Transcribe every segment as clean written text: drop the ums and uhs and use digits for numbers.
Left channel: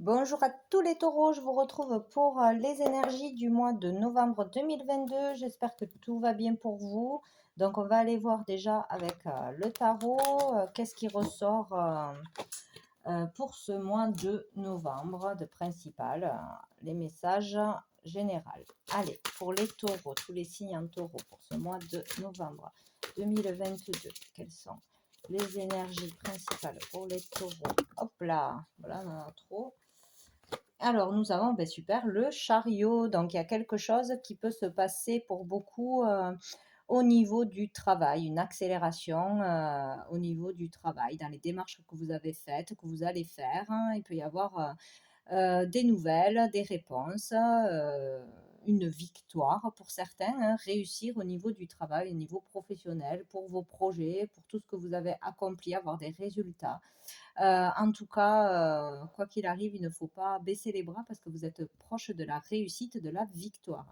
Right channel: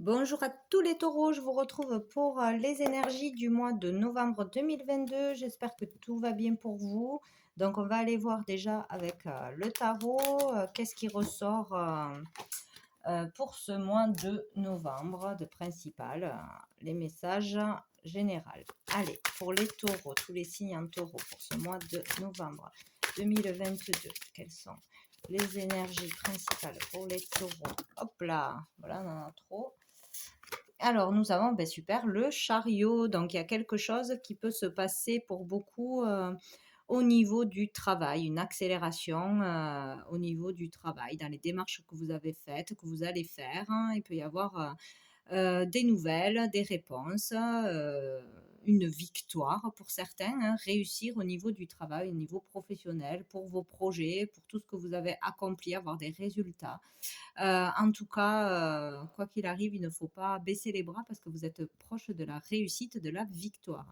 Bonjour à tous les taureaux, je vous retrouve pour les énergies du mois de novembre 2022. J'espère que tout va bien pour vous. Donc on va aller voir déjà avec le tarot, qu'est-ce qui ressort pour ce mois de novembre de principal, les messages généraux. Allez, pour les taureaux, tous les signes en taureau pour ce mois de novembre 2022, quelles sont les énergies principales pour les taureaux? Hop là, voilà, on en a trop. Alors, nous avons, ben super, le chariot. Donc, il y a quelque chose qui peut se passer pour beaucoup au niveau du travail, une accélération au niveau du travail, dans les démarches que vous avez faites, que vous allez faire, hein. Il peut y avoir des nouvelles, des réponses, une victoire pour certains, hein, réussir au niveau du travail, au niveau professionnel, pour vos projets, pour tout ce que vous avez accompli, avoir des résultats. En tout cas, quoi qu'il arrive, il ne faut pas baisser les bras parce que vous êtes proche de la réussite, de la victoire.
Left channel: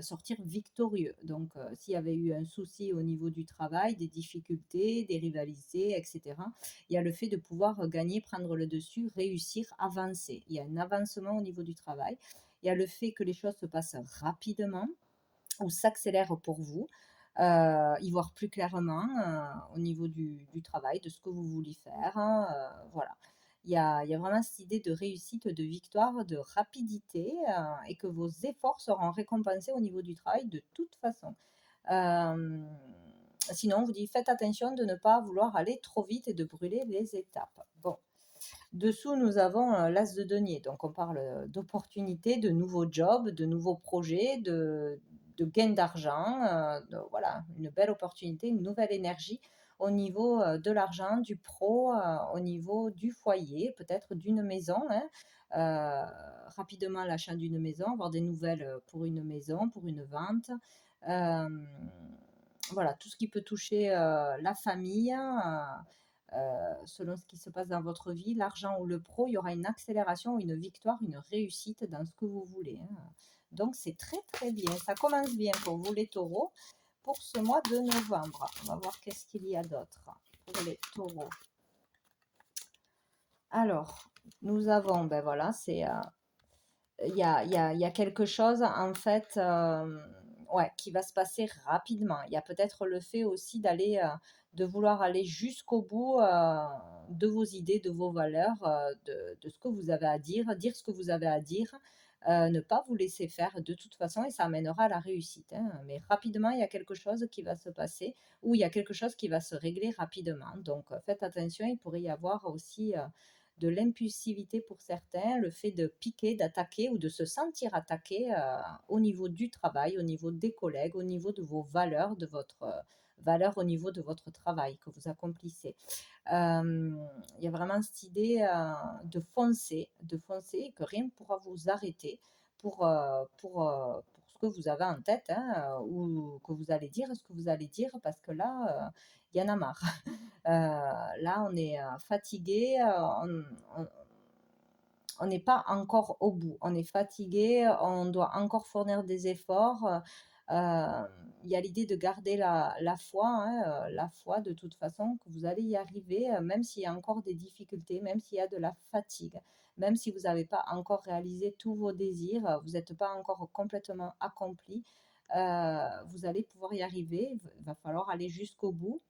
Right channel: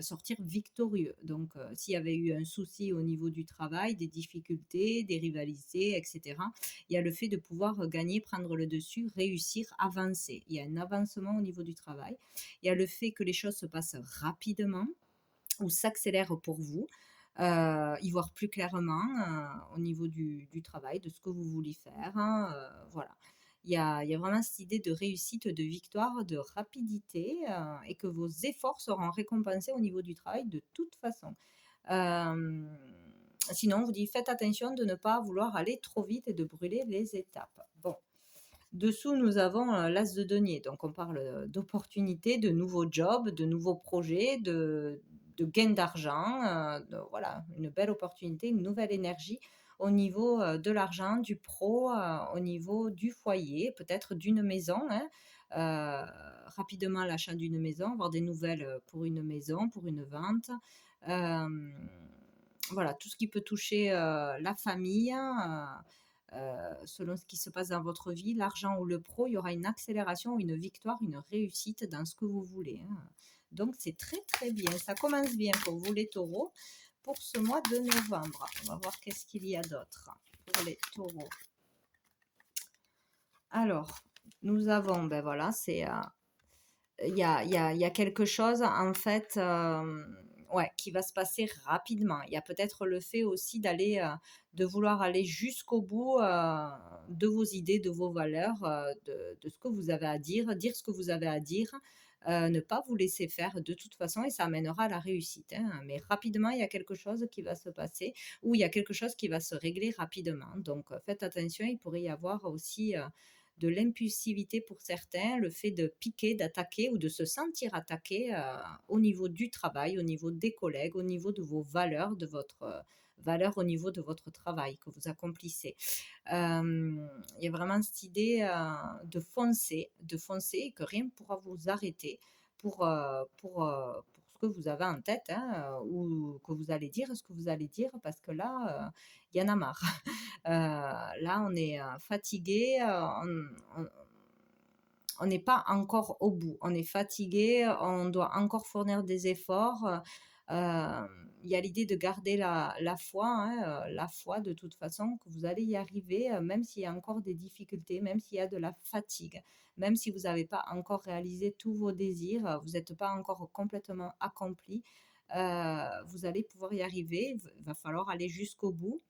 Sortir victorieux. Donc, s'il y avait eu un souci au niveau du travail, des difficultés, des rivalités, et cetera, il y a le fait de pouvoir, gagner, prendre le dessus, réussir, avancer. Il y a un avancement au niveau du travail. Il y a le fait que les choses se passent rapidement ou s'accélèrent pour vous, y voir plus clairement, au niveau du travail, de ce que vous voulez faire, hein, voilà. Il y a vraiment cette idée de réussite, de victoire, de rapidité, et que vos efforts seront récompensés au niveau du travail de toute façon. Hem, Sinon, on vous dit: «Faites attention de ne pas vouloir aller trop vite et de brûler les étapes». Bon, dessous, nous avons, l'as de denier, donc on parle, d'opportunités, de nouveaux jobs, de nouveaux projets, de gains d'argent, de voilà, une belle opportunité, une nouvelle énergie au niveau, de l'argent, du pro, au niveau du foyer, peut-être d'une maison, hein, rapidement l'achat d'une maison, avoir des nouvelles, pour une maison, pour une vente. Hem, voilà, tout ce qui peut toucher, la famille, selon ce qui se passe dans votre vie, l'argent ou le pro, il y aura une accélération, une victoire, une réussite dans ce que vous voulez, hein. Donc c'est très, très bien. Ça commence bien pour vous les taureaux pour ce mois de novembre. On va voir qu'est-ce qu'il y a d'autre pour les taureaux. Alors, nous avons, ben voilà, il y a quelque chose en fait, ouais, qui va se passer rapidement. Il y a peut-être le fait aussi de vouloir aller jusqu'au bout, de vos idées, de vos valeurs, de ce que vous avez à dire ce que vous avez à dire, ne pas vous laisser faire de toute façon et ça amènera à la réussite, hein. Mais rapidement, il y a quelque chose qui va se passer ou il y a quelque chose qui va se régler rapidement. Donc, faites attention, il pourrait y avoir aussi, de l'impulsivité pour certains, le fait de piquer, d'attaquer ou de se sentir attaqué, au niveau du travail, au niveau des collègues, au niveau de vos valeurs, de votre, valeur au niveau de votre travail que vous accomplissez. Il y a vraiment cette idée, de foncer et que rien ne pourra vous arrêter pour ce que vous avez en tête, hein, ou que vous allez dire, ce que vous allez dire parce que là, il y en a marre. Là, on est, fatigué, on n'est pas encore au bout. On est fatigué, on doit encore fournir des efforts. Il y a l'idée de garder la foi, hein, la foi de toute façon que vous allez y arriver, même s'il y a encore des difficultés, même s'il y a de la fatigue, même si vous n'avez pas encore réalisé tous vos désirs, vous n'êtes pas encore complètement accompli, vous allez pouvoir y arriver. Il va falloir aller jusqu'au bout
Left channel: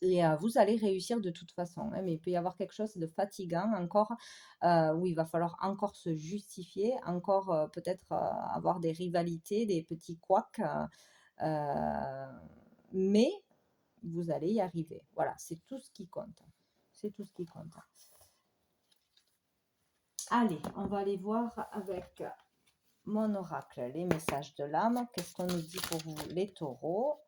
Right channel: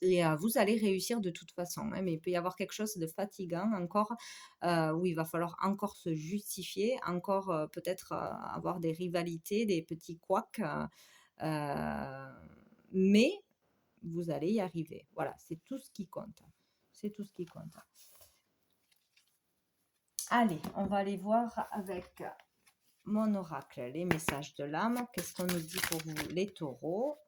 et vous allez réussir de toute façon, hein, mais il peut y avoir quelque chose de fatigant encore, où il va falloir encore se justifier, encore, peut-être, avoir des rivalités, des petits couacs, mais vous allez y arriver. Voilà, c'est tout ce qui compte. C'est tout ce qui compte. Allez, on va aller voir avec mon oracle les messages de l'âme. Qu'est-ce qu'on nous dit pour vous les taureaux?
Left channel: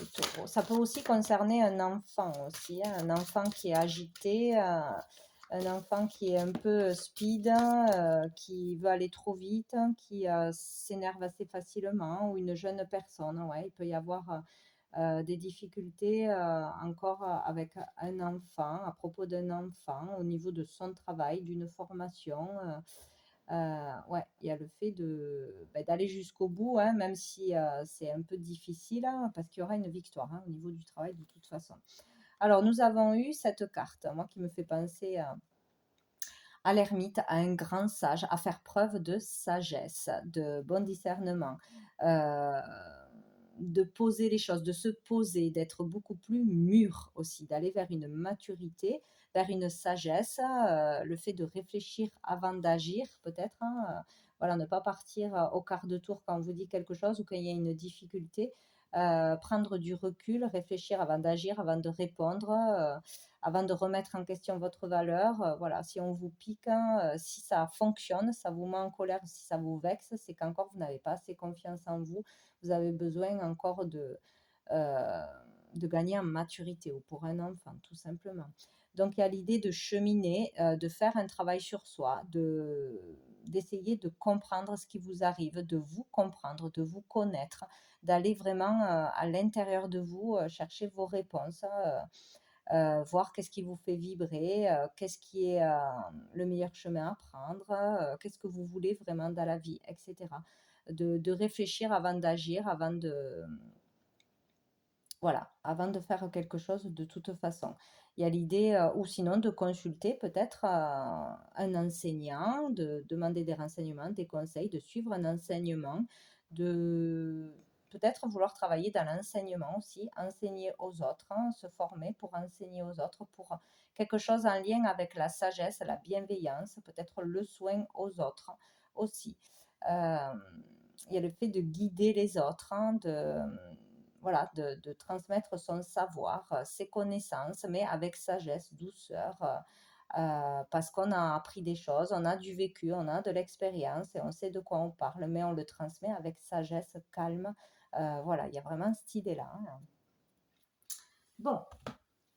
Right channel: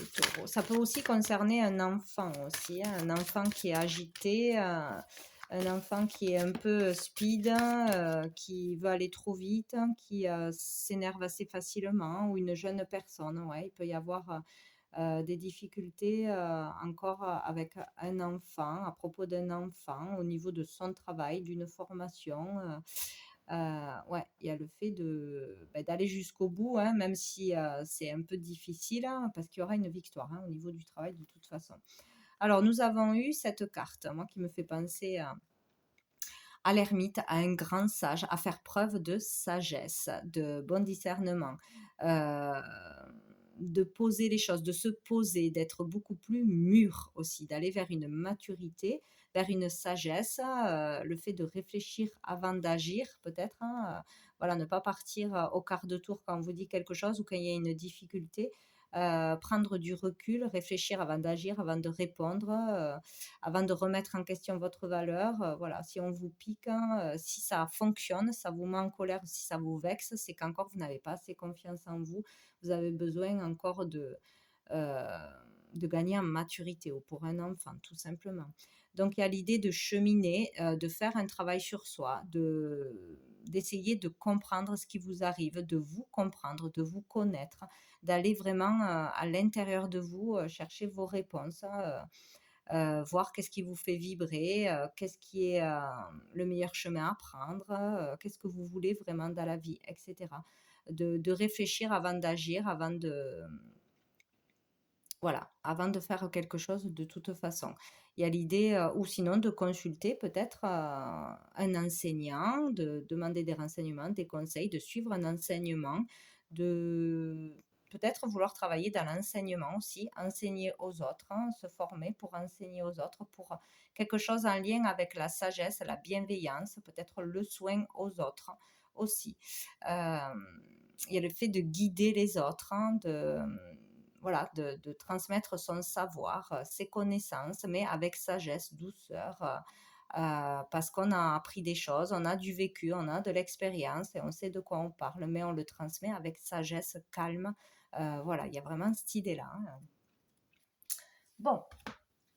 Les taureaux. Ça peut aussi concerner un enfant aussi, hein, un enfant qui est agité, un enfant qui est un peu speed, qui veut aller trop vite, qui s'énerve assez facilement, ou une jeune personne. Ouais, il peut y avoir des difficultés encore avec un enfant, à propos d'un enfant, au niveau de son travail, d'une formation. Ouais, il y a le fait d'aller jusqu'au bout, hein, même si, c'est un peu difficile, hein, parce qu'il y aura une victoire, hein, au niveau du travail de toute façon. Alors nous avons eu cette carte, moi qui me fait penser à l'ermite, à un grand sage, à faire preuve de sagesse, de bon discernement, heu, de poser les choses, de se poser, d'être beaucoup plus mûr aussi, d'aller vers une maturité, vers une sagesse, le fait de réfléchir avant d'agir peut-être, hein, voilà, ne pas partir, au quart de tour quand on vous dit quelque chose ou quand il y a une difficulté, prendre du recul, réfléchir avant d'agir, avant de répondre, avant de remettre en question votre valeur, voilà, si on vous pique, hein, si ça fonctionne, ça vous met en colère, si ça vous vexe, c'est qu'encore vous n'avez pas assez confiance en vous. Vous avez besoin encore heu, de gagner en maturité ou pour un enfant, tout simplement. Donc il y a l'idée de cheminer, de faire un travail sur soi, d'essayer de comprendre ce qui vous arrive, de vous comprendre, de vous connaître, d'aller vraiment, à l'intérieur de vous, chercher vos réponses, voir qu'est-ce qui vous fait vibrer, qu'est-ce qui est, le meilleur chemin à prendre, qu'est-ce que vous voulez vraiment dans la vie et cetera. De réfléchir avant d'agir, avant de voilà, avant de faire quelque chose de toute façon. Il y a l'idée, ou sinon de consulter peut-être, un enseignant, de demander des renseignements, des conseils, de suivre un enseignement, de peut-être vouloir travailler dans l'enseignement aussi, enseigner aux autres, hein, se former pour enseigner aux autres, pour quelque chose en lien avec la sagesse, la bienveillance, peut-être le soin aux autres aussi. Hem, il y a le fait de guider les autres, hein, voilà, de transmettre son savoir, ses connaissances, mais avec sagesse, douceur, parce qu'on a appris des choses, on a du vécu, on a de l'expérience et on sait de quoi on parle, mais on le transmet avec sagesse, calme. Voilà, il y a vraiment cette idée-là, hein. Bon,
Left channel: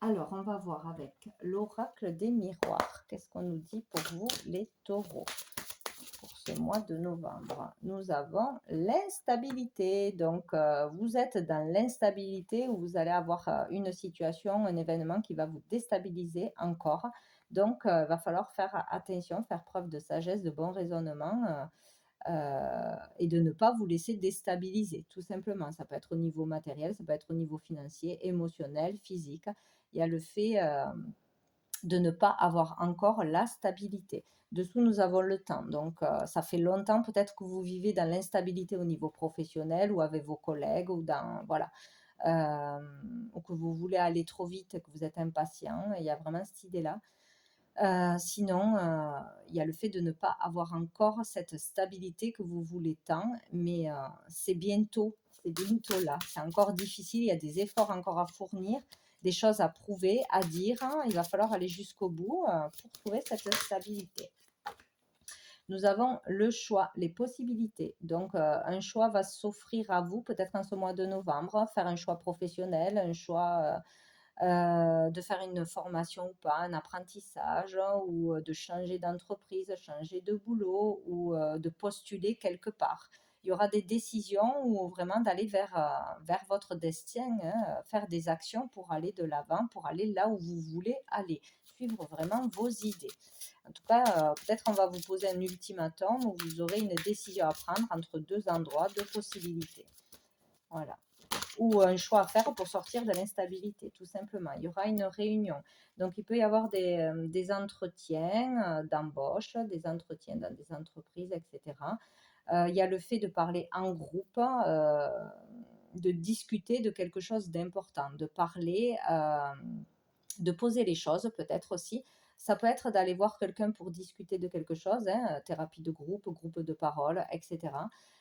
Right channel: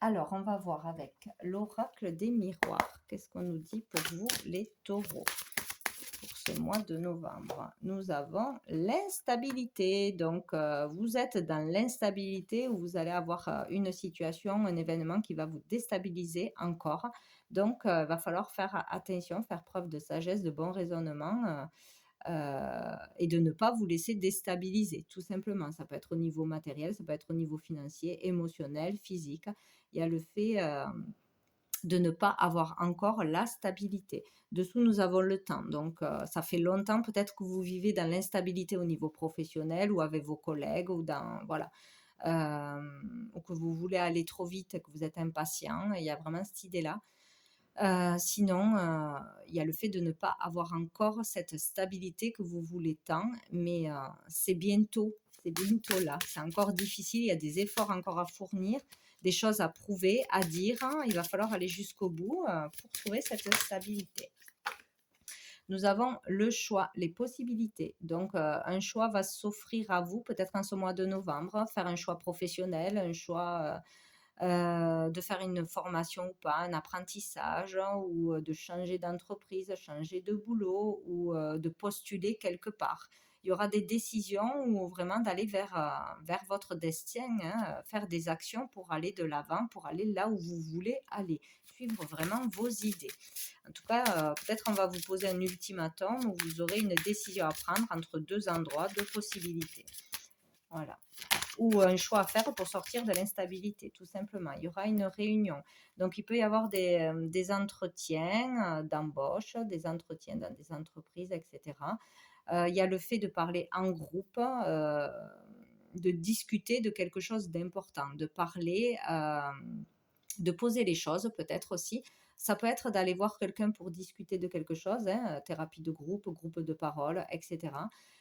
alors on va voir avec l'oracle des miroirs. Qu'est-ce qu'on nous dit pour vous, les taureaux, pour ce mois de novembre? Nous avons l'instabilité. Donc, vous êtes dans l'instabilité où vous allez avoir une situation, un événement qui va vous déstabiliser encore. Donc, il va falloir faire attention, faire preuve de sagesse, de bon raisonnement, et de ne pas vous laisser déstabiliser, tout simplement. Ça peut être au niveau matériel, ça peut être au niveau financier, émotionnel, physique. Il y a le fait de ne pas avoir encore la stabilité. Dessous, nous avons le temps. Donc, ça fait longtemps peut-être que vous vivez dans l'instabilité au niveau professionnel ou avec vos collègues ou dans, voilà, ou que vous voulez aller trop vite, que vous êtes impatient. Et il y a vraiment cette idée-là. Sinon, il y a le fait de ne pas avoir encore cette stabilité que vous voulez tant, mais c'est bientôt là. C'est encore difficile, il y a des efforts encore à fournir, des choses à prouver, à dire, hein. Il va falloir aller jusqu'au bout, pour trouver cette stabilité. Nous avons le choix, les possibilités. Donc, un choix va s'offrir à vous peut-être en ce mois de novembre, faire un choix professionnel, un choix, de faire une formation ou pas, un apprentissage, hein, ou de changer d'entreprise, changer de boulot ou de postuler quelque part. Il y aura des décisions ou vraiment d'aller vers votre destin, hein, faire des actions pour aller de l'avant, pour aller là où vous voulez aller, suivre vraiment vos idées. En tout cas, peut-être on va vous poser un ultimatum où vous aurez une décision à prendre entre 2 endroits, 2 possibilités. Voilà, ou un choix à faire pour sortir de l'instabilité, tout simplement. Il y aura une réunion. Donc, il peut y avoir des entretiens d'embauche, des entretiens dans des entreprises, etc. Il y a le fait de parler en groupe, de discuter de quelque chose d'important, de parler, de poser les choses peut-être aussi. Ça peut être d'aller voir quelqu'un pour discuter de quelque chose, hein, thérapie de groupe, groupe de parole, etc.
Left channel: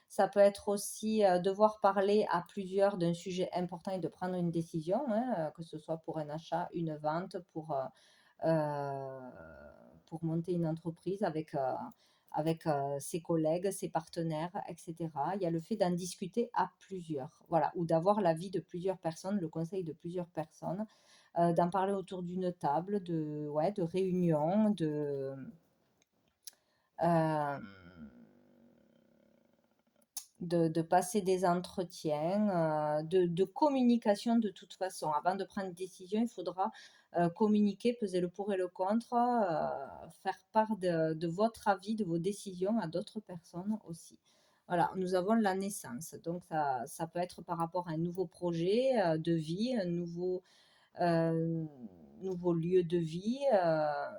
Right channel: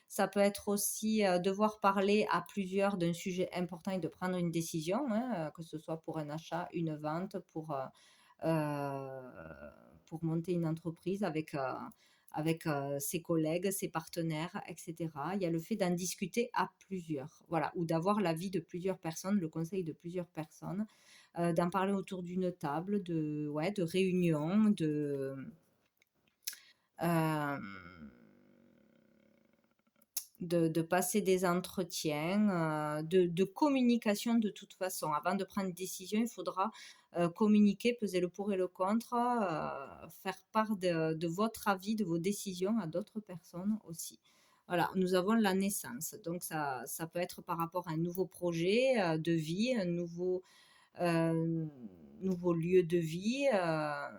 Ça peut être aussi devoir parler à plusieurs d'un sujet important et de prendre une décision, hein, que ce soit pour un achat, une vente, euh, pour monter une entreprise avec ses collègues, ses partenaires, etc. Il y a le fait d'en discuter à plusieurs, voilà, ou d'avoir l'avis de plusieurs personnes, le conseil de plusieurs personnes, d'en parler autour d'une table, ouais, de réunion, hem, de passer des entretiens, de communication de toute façon. Avant de prendre une décision, il faudra, communiquer, peser le pour et le contre, faire part de votre avis, de vos décisions à d'autres personnes aussi. Voilà, nous avons la naissance, donc ça peut être par rapport à un nouveau projet, de vie, un nouveau, Hem, nouveau lieu de vie,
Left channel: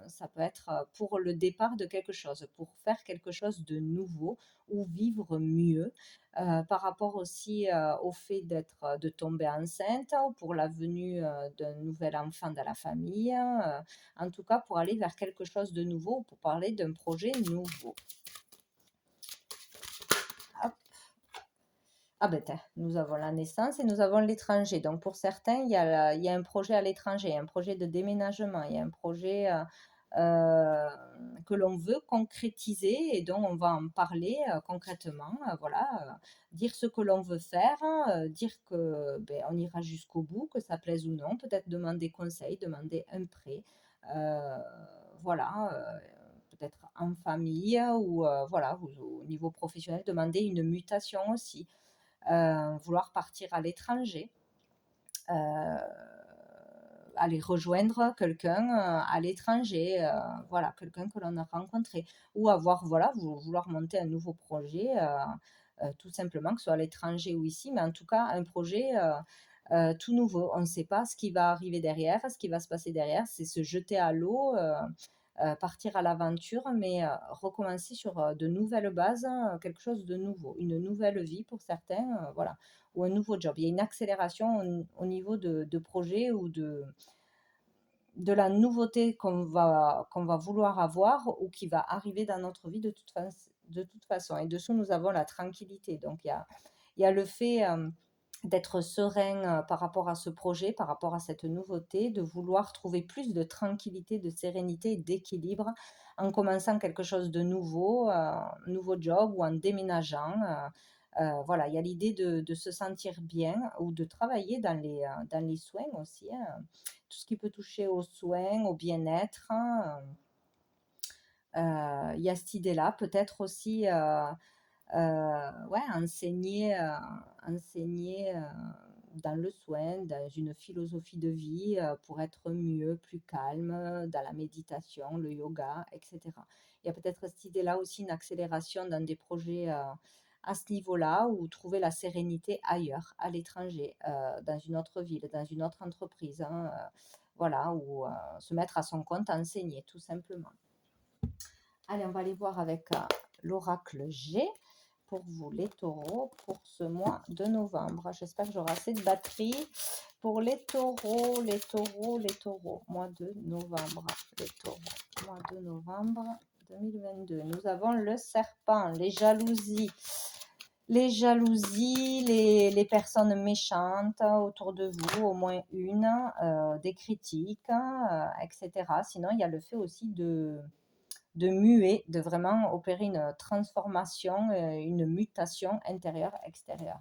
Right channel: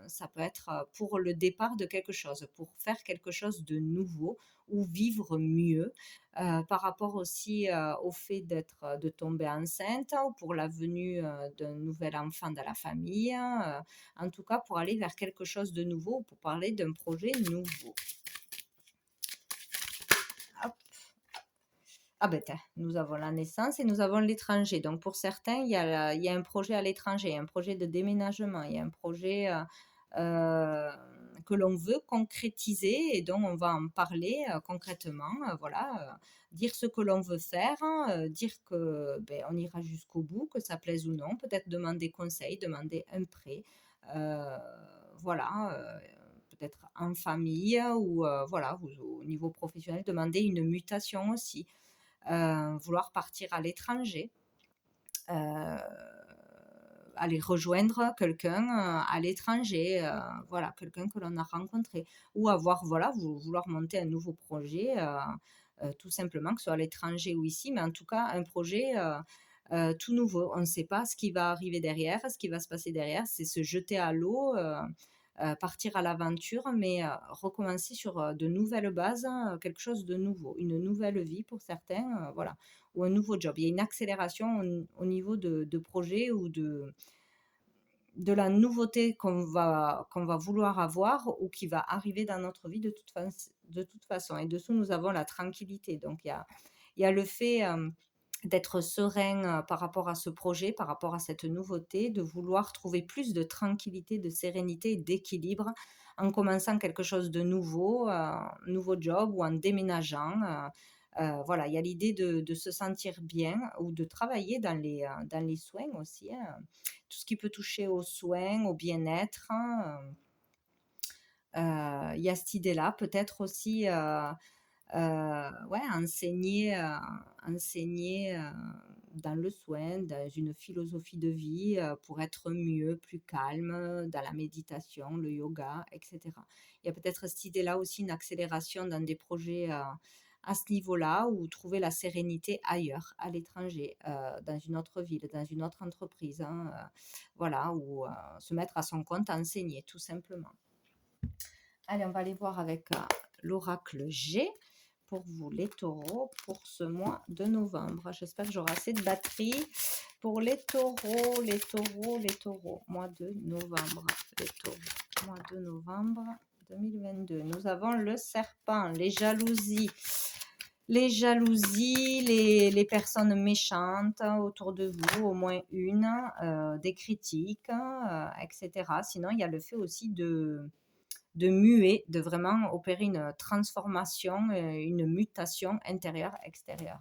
ça peut être pour le départ de quelque chose, pour faire quelque chose de nouveau ou vivre mieux. Par rapport aussi au fait de tomber enceinte ou pour la venue d'un nouvel enfant dans la famille, en tout cas pour aller vers quelque chose de nouveau, pour parler d'un projet nouveau. Hop. Ah ben tiens, nous avons la naissance et nous avons l'étranger. Donc pour certains, il y a un projet à l'étranger, un projet de déménagement, il y a un projet euh, que l'on veut concrétiser et dont on va en parler concrètement. Voilà, dire ce que l'on veut faire, dire que ben, on ira jusqu'au bout, que ça plaise ou non, peut-être demander conseil, demander un prêt. euh, voilà. Peut-être en famille ou voilà, au niveau professionnel, demander une mutation aussi, vouloir partir à l'étranger, euh, aller rejoindre quelqu'un à l'étranger, voilà, quelqu'un que l'on a rencontré, ou avoir, voilà, vouloir monter un nouveau projet, tout simplement, que ce soit à l'étranger ou ici, mais en tout cas un projet tout nouveau. On ne sait pas ce qui va arriver derrière, ce qui va se passer derrière, c'est se jeter à l'eau. Partir à l'aventure, mais recommencer sur de nouvelles bases, quelque chose de nouveau, une nouvelle vie pour certains, voilà, ou un nouveau job. Il y a une accélération au niveau de projet ou de la nouveauté qu'on va vouloir avoir ou qui va arriver dans notre vie de toute façon. Et dessous, nous avons la tranquillité. Donc, il y a le fait d'être serein par rapport à ce projet, par rapport à cette nouveauté, de vouloir trouver plus de tranquillité, de sérénité et d'équilibre en commençant quelque chose de nouveau, nouveau job ou en déménageant. Voilà, il y a l'idée de se sentir bien ou de travailler dans les soins aussi, hein, tout ce qui peut toucher aux soins, au bien-être, hein. Il y a cette idée-là, peut-être aussi ouais, enseigner dans le soin, dans une philosophie de vie pour être mieux, plus calme, dans la méditation, le yoga, etc. Il y a peut-être cette idée-là aussi, une accélération dans des projets à ce niveau-là, ou trouver la sérénité ailleurs, à l'étranger, dans une autre ville, dans une autre entreprise, hein, voilà, ou se mettre à son compte, enseigner, tout simplement. Allez, on va aller voir avec l'oracle G pour vous, les taureaux, pour ce mois de novembre. J'espère que j'aurai assez de batterie pour les taureaux, les taureaux, les taureaux. Mois de novembre, les taureaux. Mois de novembre 2022. Nous avons le serpent, les jalousies. Les jalousies, les personnes méchantes autour de vous, au moins une, des critiques, etc. Sinon, il y a le fait aussi de muer, de vraiment opérer une transformation, une mutation intérieure-extérieure.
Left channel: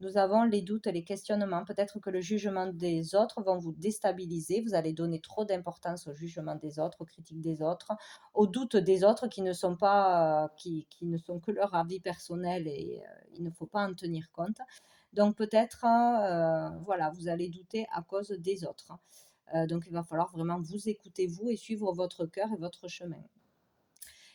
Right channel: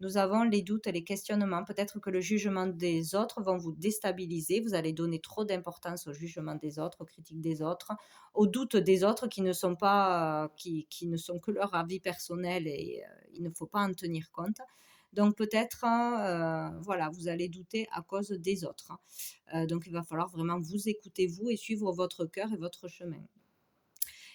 Nous avons les doutes, les questionnements. Peut-être que le jugement des autres vont vous déstabiliser. Vous allez donner trop d'importance au jugement des autres, aux critiques des autres, aux doutes des autres qui ne sont pas, qui ne sont que leur avis personnel et il ne faut pas en tenir compte. Donc peut-être, voilà, vous allez douter à cause des autres. Donc il va falloir vraiment vous écouter vous et suivre votre cœur et votre chemin.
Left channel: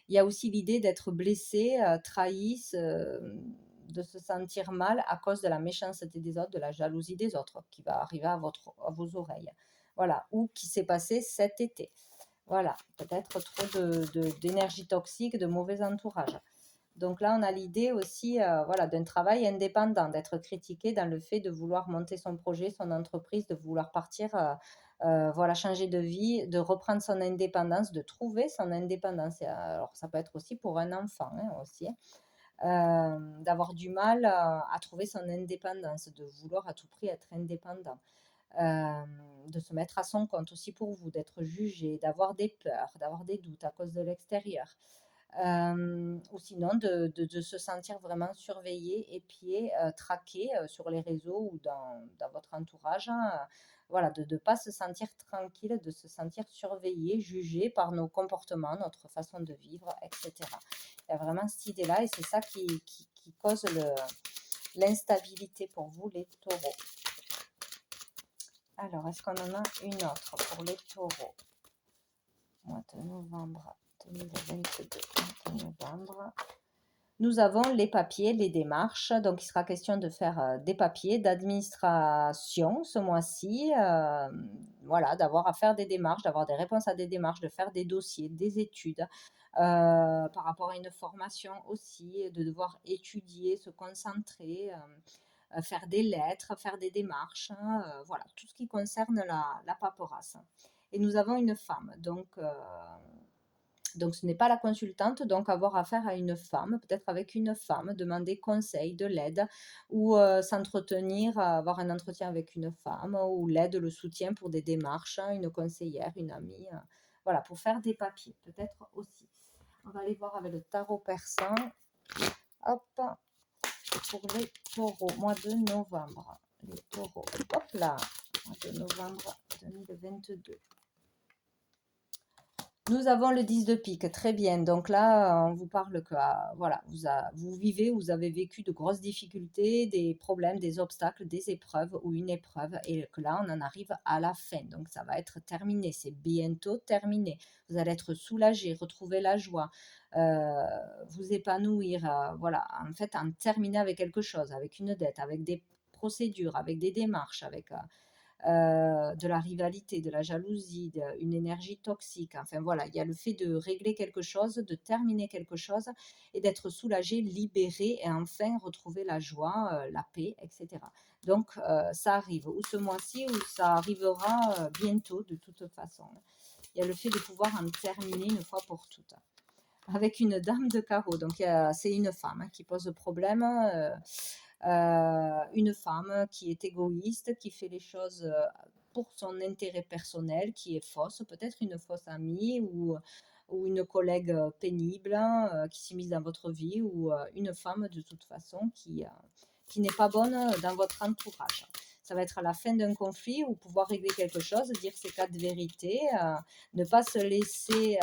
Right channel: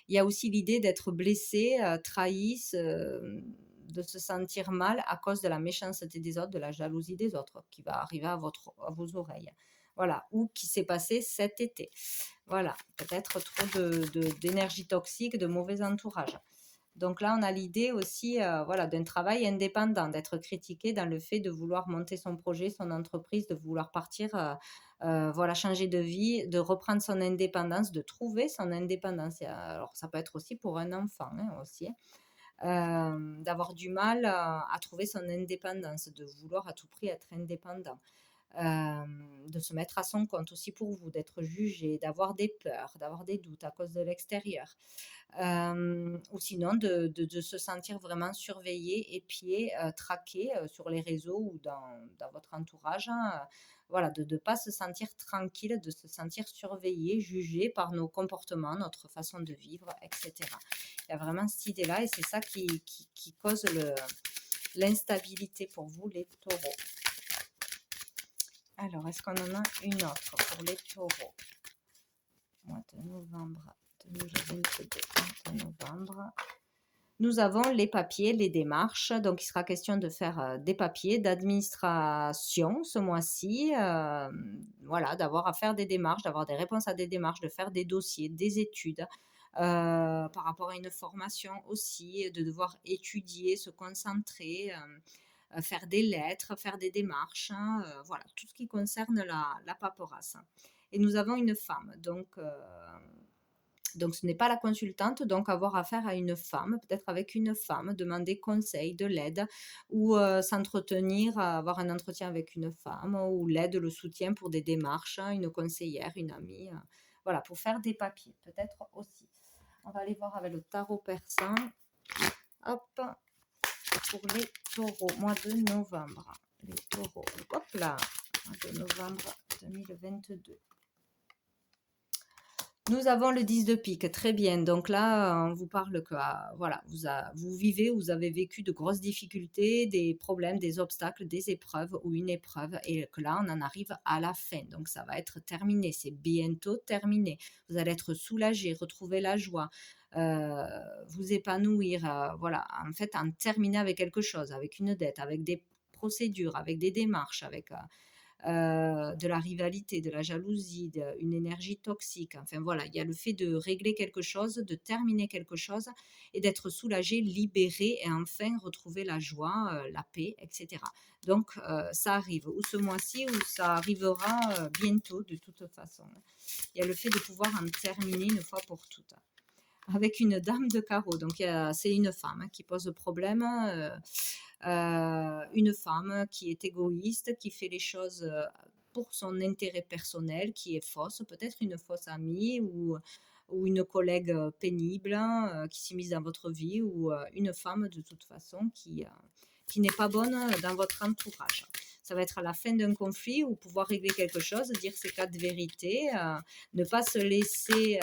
Il y a aussi l'idée d'être blessé, trahi, de se sentir mal à cause de la méchanceté des autres, de la jalousie des autres qui va arriver à vos oreilles. Voilà, ou qui s'est passé cet été. Voilà, peut-être trop d'énergie toxique, de mauvais entourage. Donc là, on a l'idée aussi voilà, d'un travail indépendant, d'être critiqué dans le fait de vouloir monter son projet, son entreprise, de vouloir partir, voilà, changer de vie, de reprendre son indépendance, de trouver son indépendance. Alors, ça peut être aussi pour un enfant, hein, aussi, d'avoir du mal à trouver son indépendance, de vouloir à tout prix être indépendant. De se mettre à son compte aussi pour vous, d'être jugé, d'avoir des peurs, d'avoir des doutes à cause de l'extérieur. Ou sinon de se sentir vraiment surveillé, épié, traqué sur les réseaux ou dans votre entourage, hein, voilà, de ne pas se sentir tranquille, de se sentir surveillé, jugé par nos comportements, notre façon de vivre, etc. Il y a vraiment cette idée-là et c'est ça qui cause l'instabilité pour vous, les taureaux. Alors, est-ce qu'on en a une autre pour les taureaux? Mois de novembre 2022, novembre. Nous avons les papiers, les démarches. Donc, il sera question de faire des papiers d'administration ce mois-ci. voilà, d'avoir à faire des démarches, d'avoir des réponses à des démarches, de faire des dossiers, des études, par rapport à une formation aussi, de devoir étudier, se concentrer, faire des lettres, faire des démarches, hein, voilà, tout ce qui concerne la paperasse. Et nous avons une femme, donc ce n'est pas la consultante, donc avoir affaire à une femme, peut-être avec une femme, demander conseil, de l'aide ou s'entretenir, avoir un entretien avec une femme ou l'aide, le soutien pour des démarches, hein, une conseillère, une amie, voilà, pour faire des papiers, peut-être aussi. On va aller voir avec le tarot persan. Hop, pour les taureaux, mois de novembre. Les taureaux, hop là, mois de novembre 2022. Nous avons le 10 de pique, très bien. Donc là, on vous parle que voilà, vous vivez, vous avez vécu de grosses difficultés, des problèmes, des obstacles, des épreuves ou une épreuve, et que là, on en arrive à la fin. Donc ça va être terminé, c'est bientôt terminé. Vous allez être soulagé, retrouver la joie, vous épanouir, voilà, en fait, en terminer avec quelque chose, avec une dette, avec des procédures, avec des démarches, avec de la rivalité, de la jalousie, une énergie toxique. Enfin voilà, il y a le fait de régler quelque chose, de terminer quelque chose et d'être soulagé, libéré et enfin retrouver la joie, la paix, etc. Donc ça arrive ou ce mois-ci ou ça arrivera bientôt de toute façon. Il y a le fait de pouvoir en terminer une fois pour toutes avec une dame de carreau. Donc, c'est une femme hein, qui pose problème. Une femme qui est égoïste, qui fait les choses pour son intérêt personnel, qui est fausse, peut-être une fausse amie ou une collègue pénible hein, qui s'immisce dans votre vie ou une femme de toute façon qui n'est pas bonne dans votre entourage. Ça va être à la fin d'un conflit ou pouvoir régler quelque chose, dire ses quatre vérités, ne pas se laisser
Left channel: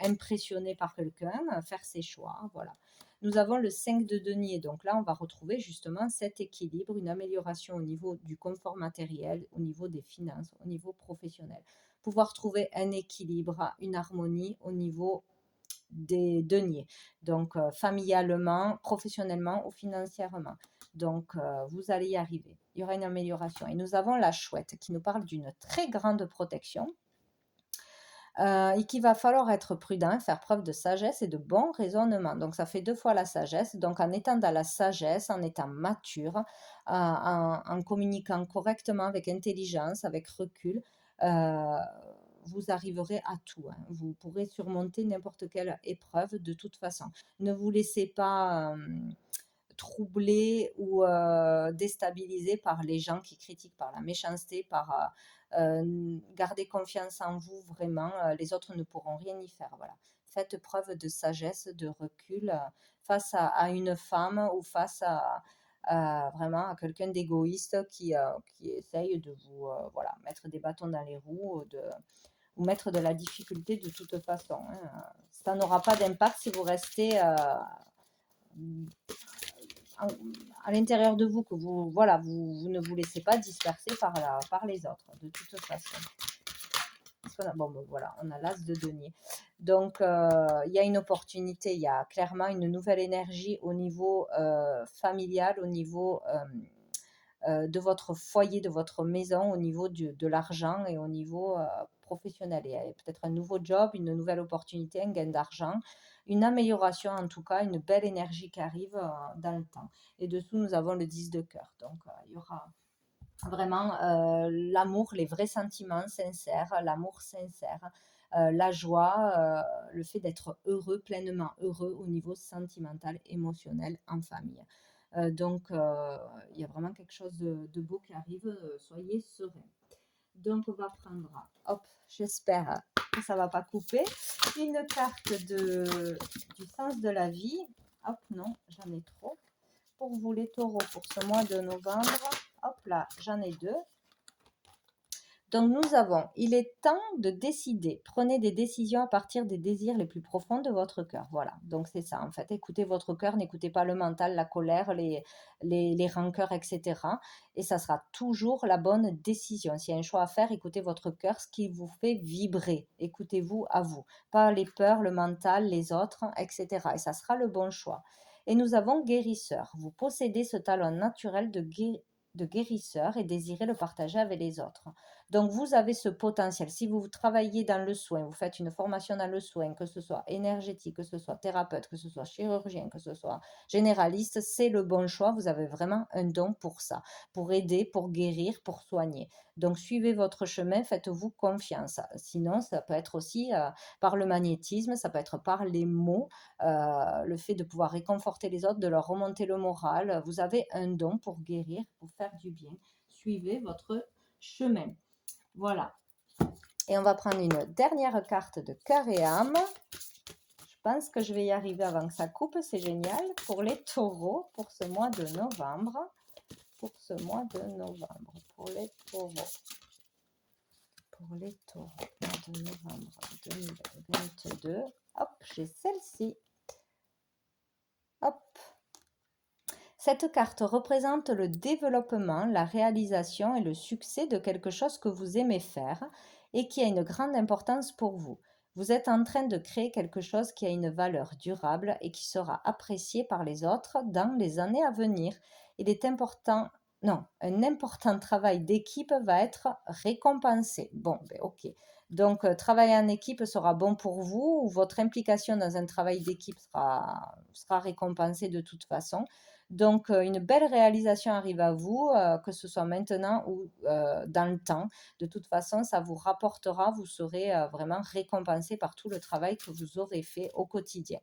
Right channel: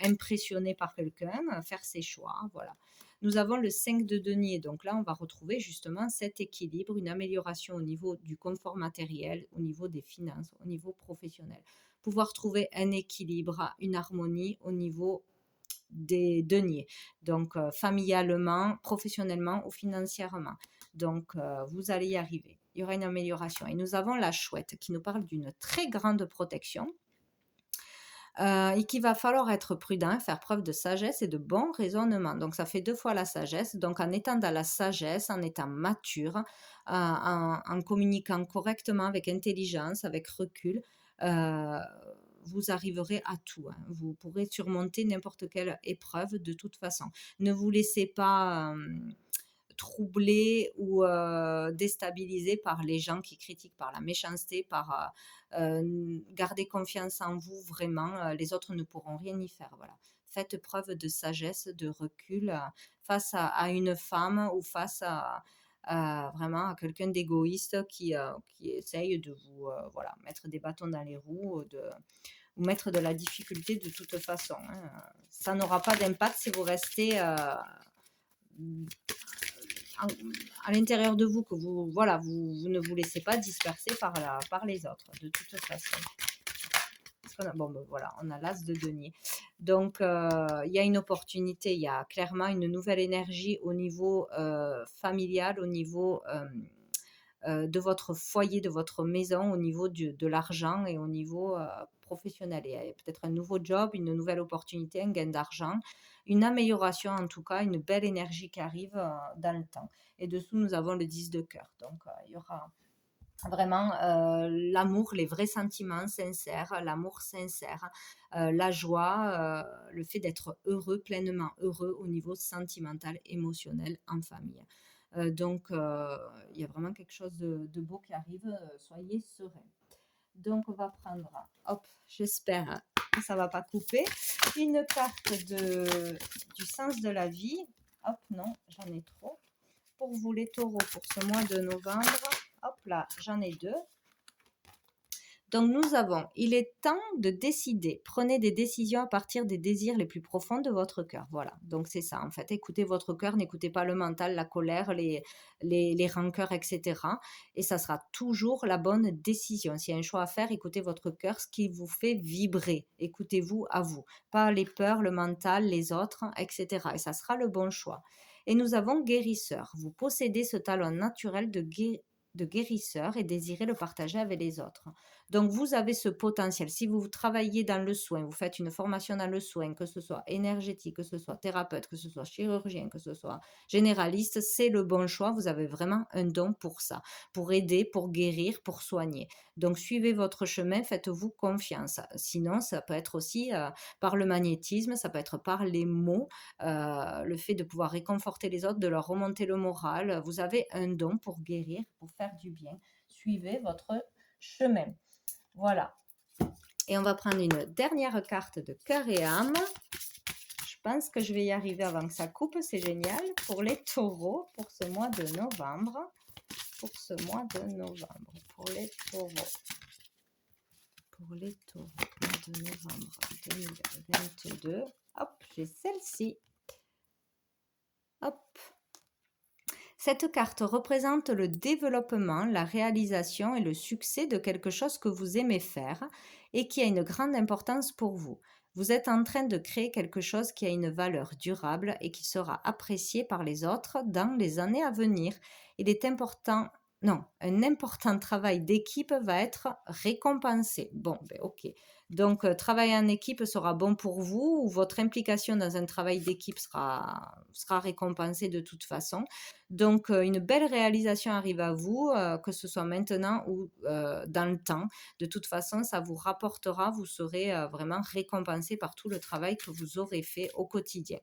impressionner par quelqu'un, faire ses choix. Voilà. Nous avons le 5 de denier. Donc là, on va retrouver justement cet équilibre, une amélioration au niveau du confort matériel, au niveau des finances, au niveau professionnel. Pouvoir trouver un équilibre, une harmonie au niveau des deniers. Donc, familialement, professionnellement ou financièrement. Donc, vous allez y arriver. Il y aura une amélioration. Et nous avons la chouette qui nous parle d'une très grande protection et qu'il va falloir être prudent, faire preuve de sagesse et de bon raisonnement. Donc, ça fait deux fois la sagesse. Donc, en étant dans la sagesse, en étant mature, en communiquant correctement, avec intelligence, avec recul, euh, vous arriverez à tout. Hein. Vous pourrez surmonter n'importe quelle épreuve de toute façon. Ne vous laissez pas troubler ou déstabiliser par les gens qui critiquent, par la méchanceté, par garder confiance en vous vraiment. Les autres ne pourront rien y faire. Voilà. Faites preuve de sagesse, de recul face à une femme ou face vraiment à quelqu'un d'égoïste qui essaye de vous voilà, mettre des bâtons dans les roues, ou mettre de la difficulté de toute façon. Hein. Ça n'aura pas d'impact si vous restez à, à l'intérieur de vous, que vous, voilà, vous ne vous laissez pas disperser par les autres, de toute façon. Bon, ben voilà, on a l'as de denier. Donc, il y a une opportunité, il y a clairement une nouvelle énergie au niveau familial, au niveau de votre foyer, de votre maison, au niveau de l'argent et au niveau professionnel. Et peut-être un nouveau job, une nouvelle opportunité, un gain d'argent, une amélioration en tout cas, une belle énergie qui arrive dans le temps. Et dessous, nous avons le 10 de cœur. Donc, il y aura vraiment l'amour, les vrais sentiments sincères, l'amour sincère, la joie, le fait d'être heureux, pleinement heureux au niveau sentimental, émotionnel, en famille. Donc, il y a vraiment quelque chose de beau qui arrive. Soyez sereins. Donc, on va prendre, hop, j'espère que ça ne va pas couper, une carte du sens de la vie. Hop, non, j'en ai trop. Pour vous, les taureaux, pour ce mois de novembre, hop là, j'en ai deux. Donc nous avons, il est temps de décider. Prenez des décisions à partir des désirs les plus profonds de votre cœur. Voilà, donc c'est ça en fait. Écoutez votre cœur, n'écoutez pas le mental, la colère, les rancœurs, etc. Et ça sera toujours la bonne décision. S'il y a un choix à faire, écoutez votre cœur, ce qui vous fait vibrer. Écoutez-vous à vous, pas les peurs, le mental, les autres, etc. Et ça sera le bon choix. Et nous avons guérisseur. Vous possédez ce talent naturel de guérisseur et désirez le partager avec les autres. Donc, vous avez ce potentiel. Si vous travaillez dans le soin, vous faites une formation dans le soin, que ce soit énergétique, que ce soit thérapeute, que ce soit chirurgien, que ce soit généraliste, c'est le bon choix. Vous avez vraiment un don pour ça, pour aider, pour guérir, pour soigner. Donc, suivez votre chemin, faites-vous confiance. Sinon, ça peut être aussi par le magnétisme, ça peut être par les mots, le fait de pouvoir réconforter les autres, de leur remonter le moral. Vous avez un don pour guérir, pour faire du bien. Suivez votre chemin. Voilà. Et on va prendre une dernière carte de cœur et âme. Je pense que je vais y arriver avant que ça coupe. C'est génial. Pour les taureaux, pour ce mois de novembre. Pour ce mois de novembre. Pour les taureaux. Pour les taureaux. Mois de novembre 2022. Hop, j'ai celle-ci. Hop. Cette carte représente le développement, la réalisation et le succès de quelque chose que vous aimez faire et qui a une grande importance pour vous. Vous êtes en train de créer quelque chose qui a une valeur durable et qui sera apprécié par les autres dans les années à venir. Il est important, non, un important travail d'équipe va être récompensé. Bon, ben ok. Donc, travailler en équipe sera bon pour vous ou votre implication dans un travail d'équipe sera récompensée de toute façon. Donc, une belle réalisation arrive à vous, que ce soit maintenant ou dans le temps. De toute façon, ça vous rapportera, vous serez vraiment récompensé par tout le travail que vous aurez fait au quotidien.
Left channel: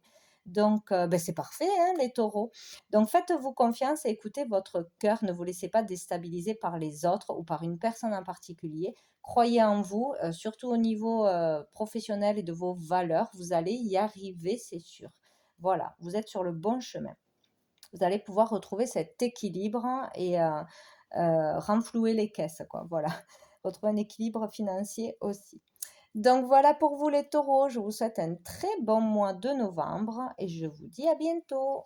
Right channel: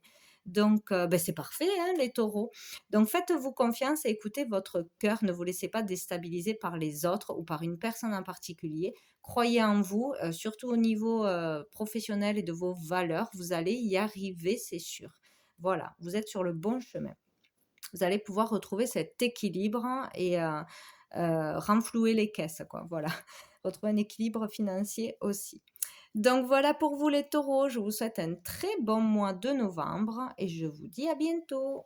Donc, ben, c'est parfait, hein, les taureaux. Donc, faites-vous confiance et écoutez votre cœur. Ne vous laissez pas déstabiliser par les autres ou par une personne en particulier. Croyez en vous, surtout au niveau professionnel et de vos valeurs. Vous allez y arriver, c'est sûr. Voilà, vous êtes sur le bon chemin. Vous allez pouvoir retrouver cet équilibre et renflouer les caisses, quoi. Voilà, retrouver un équilibre financier aussi. Donc voilà pour vous les taureaux, je vous souhaite un très bon mois de novembre et je vous dis à bientôt.